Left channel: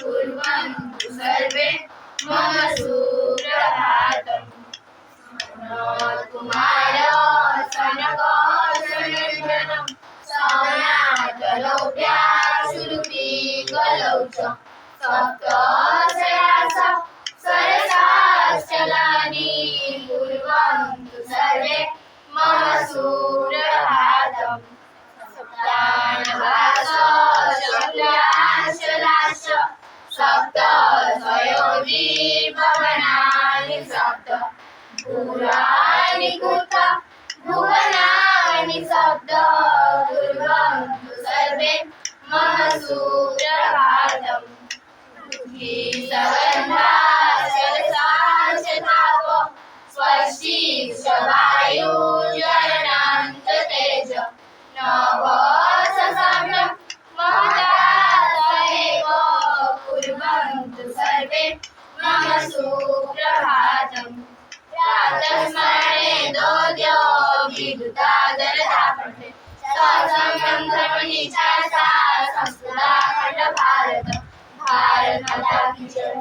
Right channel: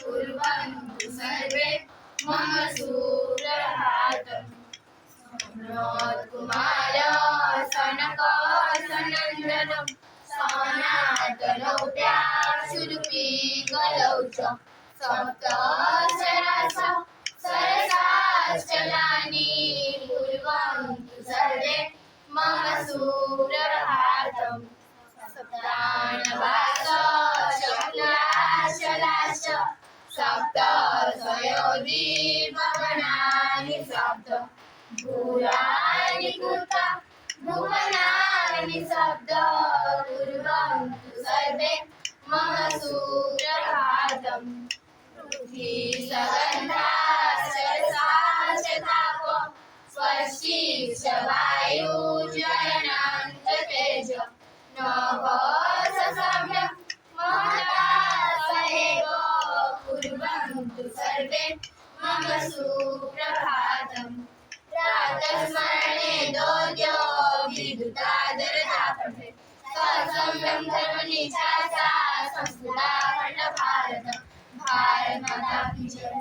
कुर्वन्तु सर्वे मम सुप्रभातम्। कुमार सनकासनन्दनं सौनातलौप्याशुरुपीकलौ च सप्तशयासः सरसाश्चलानि कुर्वन्तु सर्वे मम सुप्रभातम्। सप्तानवासशक्लाशलाश सप्त स्वयोजीर्भवनानि सप्त भूराणि कुत भुवनानि सप्त कुर्वन्तु सर्वे मम सुप्रभातम्। पृथ्वीसगन्धाशरसाशताप स्वस्तिक्षवायुज्वलनान्ततेज नभससम्यं महतातएव कुर्वन्तु सर्वे मम सुप्रभातम्। प्रातस्मरणे दोद्यो विद्युतादरतापठे ससम्यं धर्मनिष्ठा सा संस्कृता खण्ड भारत। भारत माता की जय।